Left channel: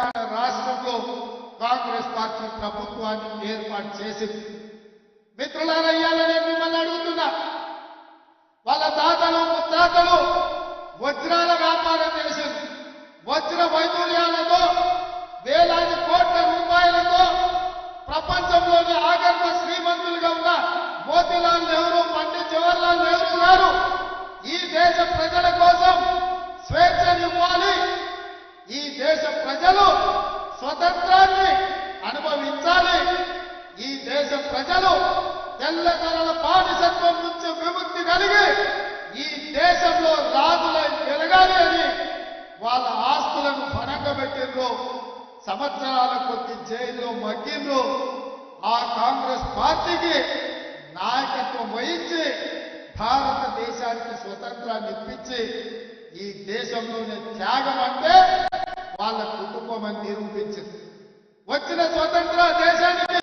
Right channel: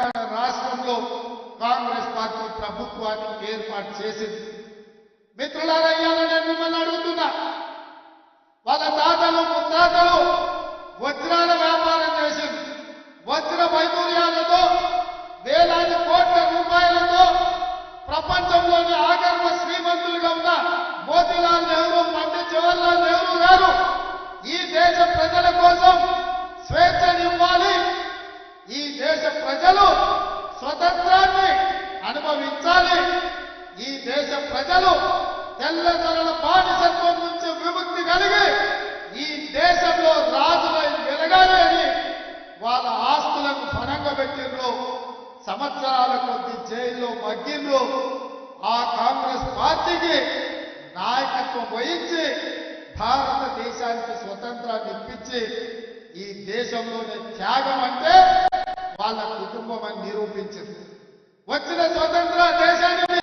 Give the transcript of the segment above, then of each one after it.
తెలంగాణ రాష్ట్రంలో కాంగ్రెస్ పార్టీ ప్రభుత్వాన్ని ఏర్పాటు చేసింది. మిత్రులారా, ఇవాళ నేను మిమ్మల్ని అడుగుతున్నా, వాళ్ళ తాతలు ముత్తాతలు వజ్రాల వ్యాపారం చేసింది. వజ్ర వైదూర్యాలతో వేలాది కోట్ల రూపాయలతో ప్రపంచంలోని ఆగర్భ శ్రీమంతులుగా ఉన్న మోతీలాల్ నెహ్రూ, పండిత్ జవహర్లాల్ నెహ్రూ గారు ఈ దేశ ప్రజల కోసం స్వేచ్ఛనివ్వాలి, ఈ దేశ ప్రజలు స్వతంత్రాన్ని అనుభవించాలి, ఈ దేశ ప్రజలు తెల్లదొరల బానిసత్వం నుంచి విముక్తి కలిగి ఈ దేశంలో రాజులై వెలగాలి అని వాళ్ళ ఆస్తులను ఫణంగా పెట్టిండ్రు. సంవత్సరాల కొద్ది జైల్లో మగ్గిండ్రు. ఆ కాంగ్రెస్ పార్టీకి నాయకత్వం వహించి భారతదేశానికి స్వతంత్రాన్ని ఇప్పించి ఈ దేశంలోనే త్యాగం అంటే వాళ్ళ కుటుంబం అని నిరూపించింది. వచ్చిన స్వతంత్ర దేశానికి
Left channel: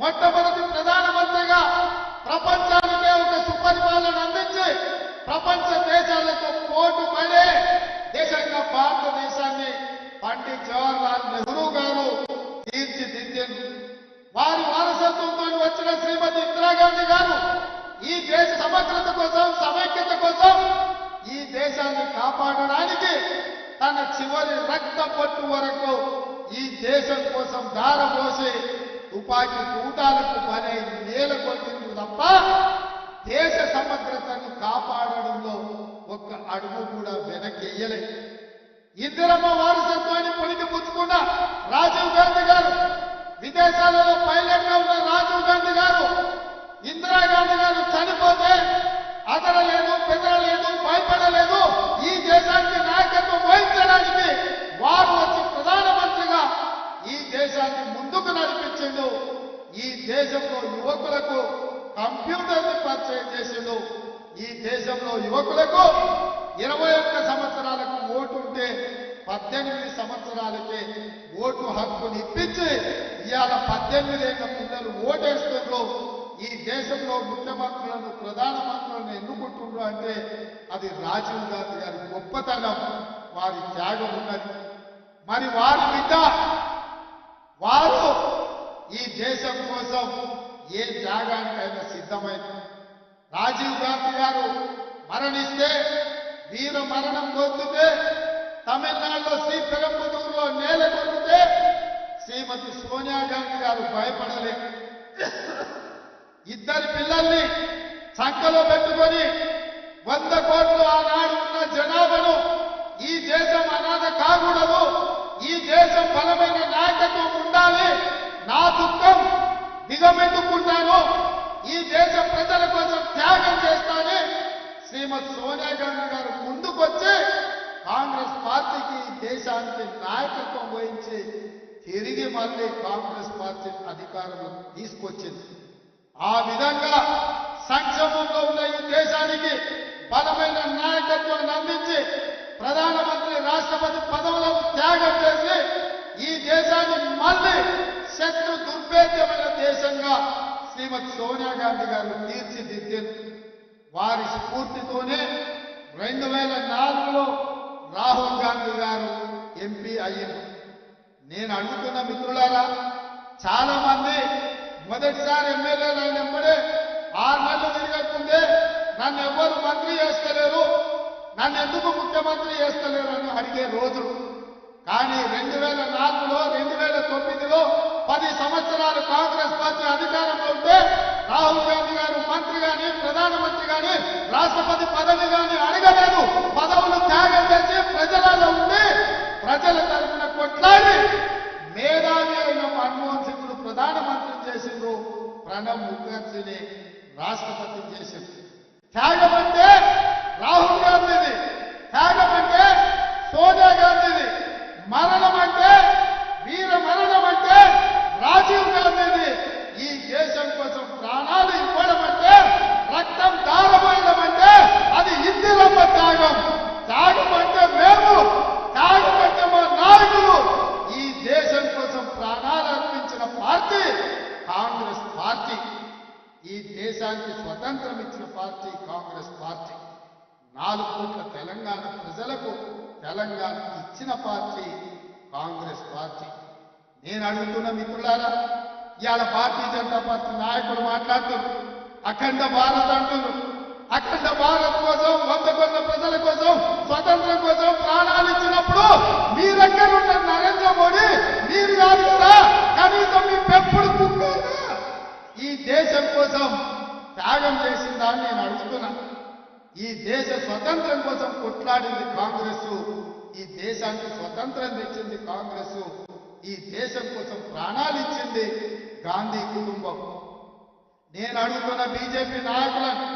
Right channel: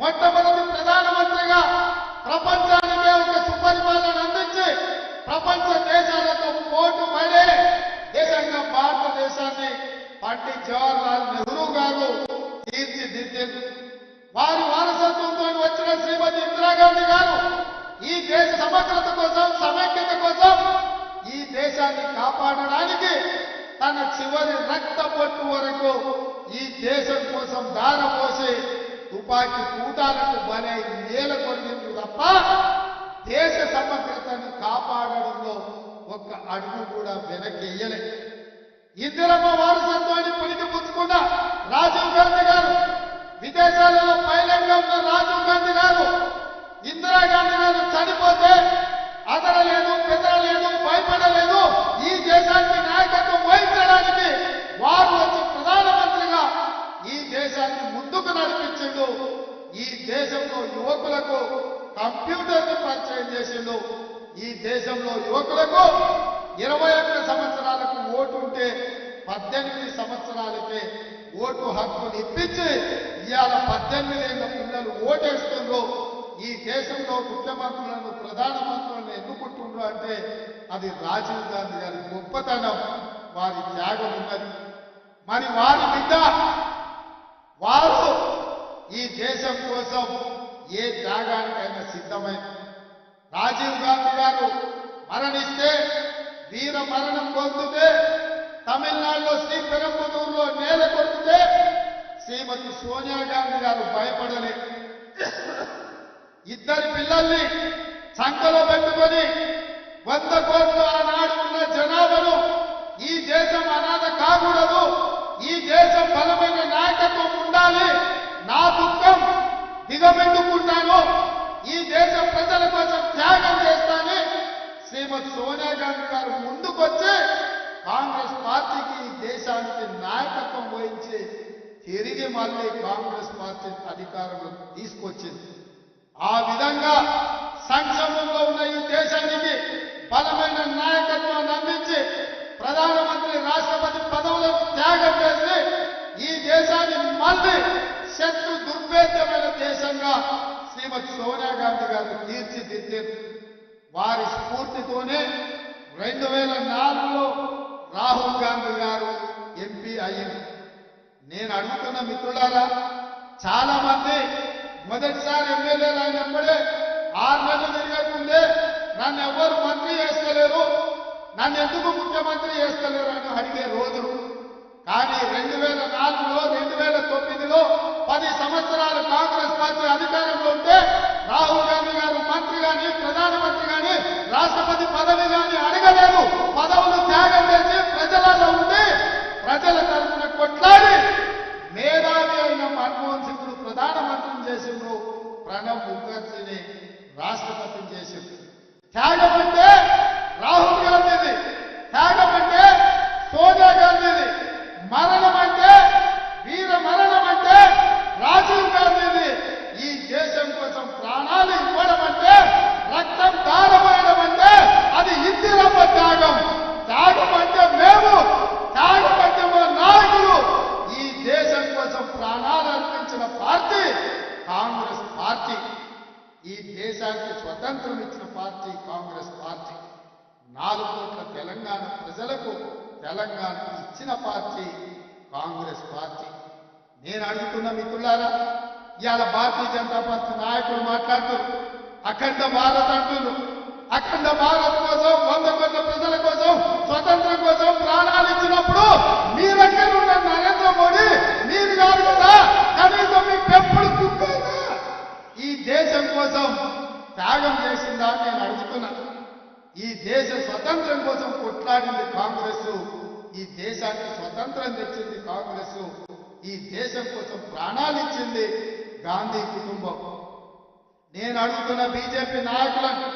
మొట్టమొదటి ప్రధానమంత్రిగా ప్రపంచానికే ఒక సుపరిపాలన అందించి ప్రపంచ దేశాలతో పోటు పడే దేశంగా భారతదేశాన్ని పండిత్ జవహర్లాల్ నెహ్రూ గారు తీర్చిదిద్దారు. వారి వారసత్వంతో వచ్చిన శ్రీమతి ఇందిరాగాంధీ గారు ఈ దేశ సమగ్రత కోసం, సమైక్యత కోసం, ఈ దేశాన్ని కాపాడడానికి తన చివరి రక్త పొట్టు వరకు ఈ దేశం కోసం దారపోసి తుపాకీ తూటాలకు బలై నేలకొల్లిండ్రు తప్ప దేశ సమగ్రతను కాపాడడంలో ఒక్క అడుగు కూడా వెనక్కి వెయ్యలే. ఇందిరమ్మ వారసత్వాన్ని పులికి పుచ్చుకున్న రాజీవ్ గాంధీ గారు, విదేశాలలో పైలట్ గా ఉన్న రాజీవ్ గాంధీ గారు, ఇందిరాగాంధీ గారు చనిపోతే అదరలేదు, బెదరలేదు, భయపడలేదు. ఈ దేశానికి నాయకత్వం వహించడానికి వారు వచ్చి ప్రధానమంత్రిగా ఈ దేశాన్ని ముందుకు నడిపించిండు. ఈ దేశంలో యువకులకు కంప్యూటర్ని పరిచయం చేసిండు. ఈ దేశంలో యువకులకు 21 సంవత్సరాలకు ఓటు ఉంటే 18 సంవత్సరాలకే ఓటు హక్కుని ఇప్పించి ఇవాళ 18 ఏళ్ల పిల్లలు ఓటేస్తుండ్రు. ఈ దేశంలో ముఖ్యమంత్రులను, ప్రధానమంత్రులను ఎన్నుకుంటుండ్రు అంటే అది రాజీవ్ గాంధీ గారి గొప్పతనం, వారి త్యాగం ఉన్నది. మరి వారి బిడ్డ వారు ఈ దేశం కోసం ఏ త్యాగానికైనా సిద్ధమైంది. రాజీవ్ గాంధీ గారు మరణిస్తే, వీర మరణం పొందితే, తమిళనాడులో శ్రీపెరంబదూరులో నేల కొరికితే శ్రీమతి సోనియా గాంధీ గారు భయపడలే. ఇద్దరి పిల్లల్ని సంకలో పెట్టుకొని 100 కోట్లు ఆనాడు ఉన్న జనాభాను ఈ దేశం అనాథ కాకూడదు, ఈ దేశం బలమైన నాయకత్వం ఉండాలి, నా దుఃఖం దిగమిందుకుంటాను, ఈ దేశ ప్రజల కోసం త్యాగం చేస్తానని శ్రీమతి సోనియా గాంధీ గారు ముందుకొచ్చి కాంగ్రెస్ పార్టీకి ఈ దేశానికి నాయకత్వం వహించి తిరిగి మళ్ళీ కాంగ్రెస్ పార్టీ అధికారంలోకి తీసుకొచ్చింది. ఆ విధంగా సంక్షేమంలో ఉన్న ఈ దేశానికి బలమైన నాయకత్వాన్ని అందించి ప్రధానమంత్రి, రాష్ట్రపతి పదవులను త్యాగం చేసి ఈ దేశాన్ని మళ్ళీ శత్రు దుర్భేద్యమైన దేశంగా శ్రీమతి సోనియా గాంధీ గారు తీర్చిదిద్దారు. వారి స్ఫూర్తితోనే 2004లో రాహుల్ గాంధీ గారు ఎంపీ అయ్యారు. నేను అడుగుతున్న మిత్రులారా, చాలా మంది మొదటిసారి ఎమ్మెల్యేలు అయినప్పుడే 6 నెలలు తిరగకుందే నన్ను ఎవ్వరు మంత్రి చేస్తలేరు, నన్ను ఎందుకు ముఖ్యమంత్రి చేస్తలేరు అని అడిగే రోజులు. కానీ 2004లో 2009లో 10 సంవత్సరాలు కాంగ్రెస్ పార్టీ అధికారంలో ఉంటే రాహుల్ గాంధీ గారు మంత్రి గాని, ప్రధానమంత్రి గాని, రాష్ట్రపతి పదవి గాని అడగలేదు. పదవులు త్యాగం చేసి ప్రజలలో ఉండి ప్రజల తరఫున కొట్లాడి మేధావి అయిన మన్మోహన్ సింగ్ను ప్రధానమంత్రిని చేసిండ్రు, ప్రణబ్ ముఖర్జీని రాష్ట్రపతిని చేసిండ్రు. త్యాగం అంటే రాహుల్ గాంధీది, త్యాగం అంటే సోనియా గాంధీది, మరణం అంటే, వీర మరణం అంటే రాజీవ్ గాంధీది. ఈ దేశం కోసం ప్రాణాలు ఇవ్వడం అంటే, రక్తం దారపోయడం అంటే అది ఇందిరమ్మ త్యాగం. త్యాగం అంటే మేము, త్యాగం అంటే మా నాయకులు. ఈ దేశం కోసం ప్రాణాలు అర్పించిన పార్టీ కాంగ్రెస్ పార్టీ. ఈ దేశానికి స్వతంత్రం ఇచ్చిన పార్టీ కాంగ్రెస్ పార్టీ. 4 కోట్ల తెలంగాణ ప్రజలకు తెలంగాణ ఇచ్చిన పార్టీ కాంగ్రెస్ పార్టీ. నేను అడుగుతున్న మిత్రులారా, ఇవాళ భారతీయ జనతా పార్టీ నాయకులు మాట్లాడుతున్నారు, అఖండ భారత్ అంటున్నారు. అఖండ భారత్ కోసం 100 కోట్ల ప్రజల కోసం స్వతంత్రం కోసం ప్రాణాలు ఇచ్చినప్పుడు మీరెక్కడున్న నరేంద్ర మోడీ మీరు కాదు కదా, కనీసం మీ పెంపుడు కుక్కైనా ఈ దేశం కోసం త్యాగం చేసిందా అని నేను అడుగుతున్నా. ఈ దేశ స్వతంత్రం కోసం కొట్లాడింది కాంగ్రెస్, ఈ దేశానికి స్వతంత్రం తెచ్చింది కాంగ్రెస్, ఈ దేశం కోసం ప్రాణాలు ఇచ్చింది గాంధీ కుటుంబం. నేను అడుగుతున్న బీజేపీ నాయకులను,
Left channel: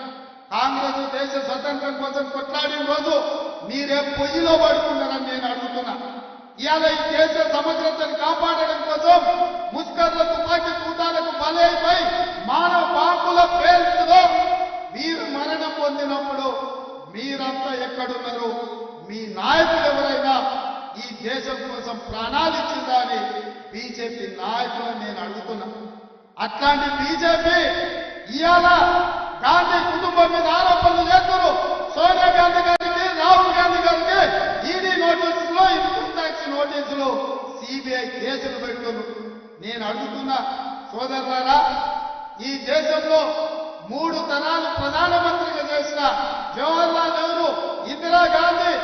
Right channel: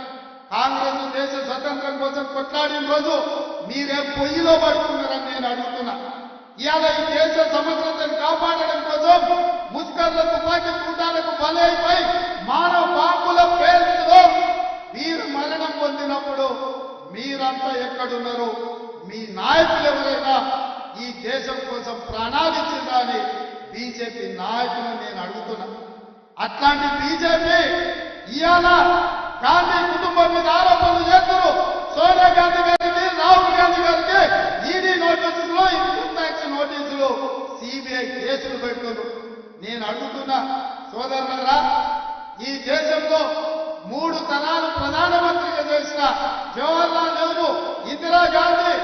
కాంగ్రెస్ దేశ స్వతంత్రం కోసం కొట్లాడిన రోజు మీరే పొయ్యిలో పడుకున్నారని నేను అడుగుతున్నా. ఇవాళ ఈ దేశ సమగ్రతను కాపాడడం కోసం ముష్కర్ల తుపాకీ తూటాలకు బలైపోయి మానవ బాంబుల పేల్చులో వీరు మరణం పొందినప్పుడు మీరంతా ఎక్కడున్నారు? మీ నాయకులు ఎవరైనా ఈ దేశం కోసం ప్రాణాలు ఇచ్చిందా అని బీజేపీ నాయకులను నేను అడుగుతున్నా. అట్లాంటి బీజేపీ ఇవాళ గాంధీ కుటుంబం మీద ఆరోపణలు చేస్తున్నారు. సోనియా గాంధీ గారికి, రాహుల్ గాంధీ గారికి ఈడీ నోటీసులు, ఇన్కమ్ ట్యాక్స్ నోటీసులు, సిబిఐ కేసులు పెడుతున్నారు. నేను అడుగుతున్నా సోదరులారా, ఈ దేశంలో 3 తరాలు ప్రధానమంత్రిగా చేసిన జవహర్లాల్ నెహ్రూ, ఇందిరాగాంధీ,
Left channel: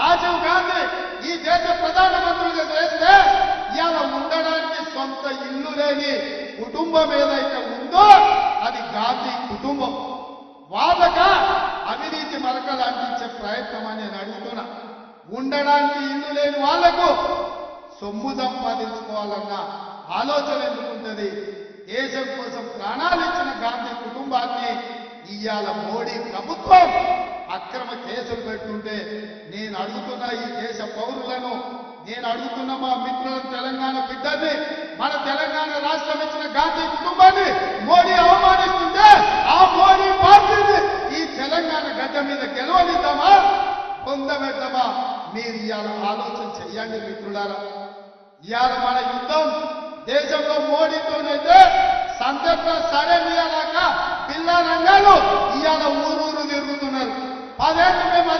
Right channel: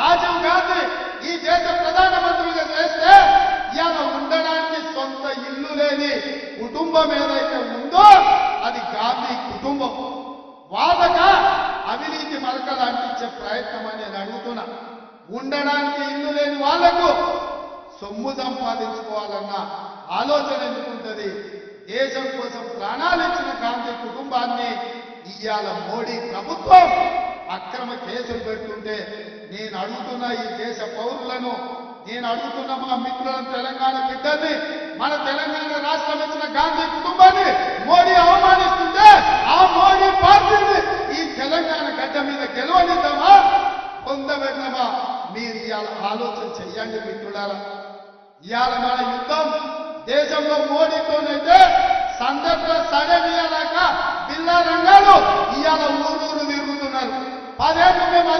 రాజీవ్ గాంధీ ఈ దేశ ప్రధానమంత్రులుగా చేస్తే ఇవాళ ఉండడానికి సొంత ఇల్లు లేని కుటుంబం ఏదైతే ఉందో అది గాంధీ కుటుంబం. వాళ్ళక అవినీతి మరకలు అంటించే ప్రయత్నం అని నేను అడుగుతున్నా. ఉండడానికి ఇల్లు లేని వాళ్లకు సొమ్ము సంపాదించుకోవాలన్న ఆలోచన ఎందుకుంటది? దేశం కోసం ప్రాణాలు ఇచ్చిన గాంధీ కుటుంబాన్ని ఇవాళ మోడీ ప్రభుత్వం అక్రమ కేసులు పెడుతుంటే నేను అడుగుతున్న ఈ దేశ పౌరులను, నేను అడుగుతున్న మా మిత్రులను, తెలంగాణ బిడ్డల్ని, మన తెలంగాణ రాష్ట్రం ఇచ్చిన గాంధీ కుటుంబాన్ని మోడీ అవమానిస్తుంటే ఆ మోడీ పార్టీని ఈ తెలంగాణ గడ్డ మీద గెలవనిద్దామా, పొందబెడదామా? మీరు ఇవాళ ఆలోచన చెయ్యండి మిత్రులారా. ఇవాళ మన యుద్ధం దేశంలో మోడీతోనైతే సందర్భ సడమియాలాక బిల్లా రంగాలు ఇవాళ ఊరూరు తిరుగుతున్నారు. 10 ఏళ్ళు మేము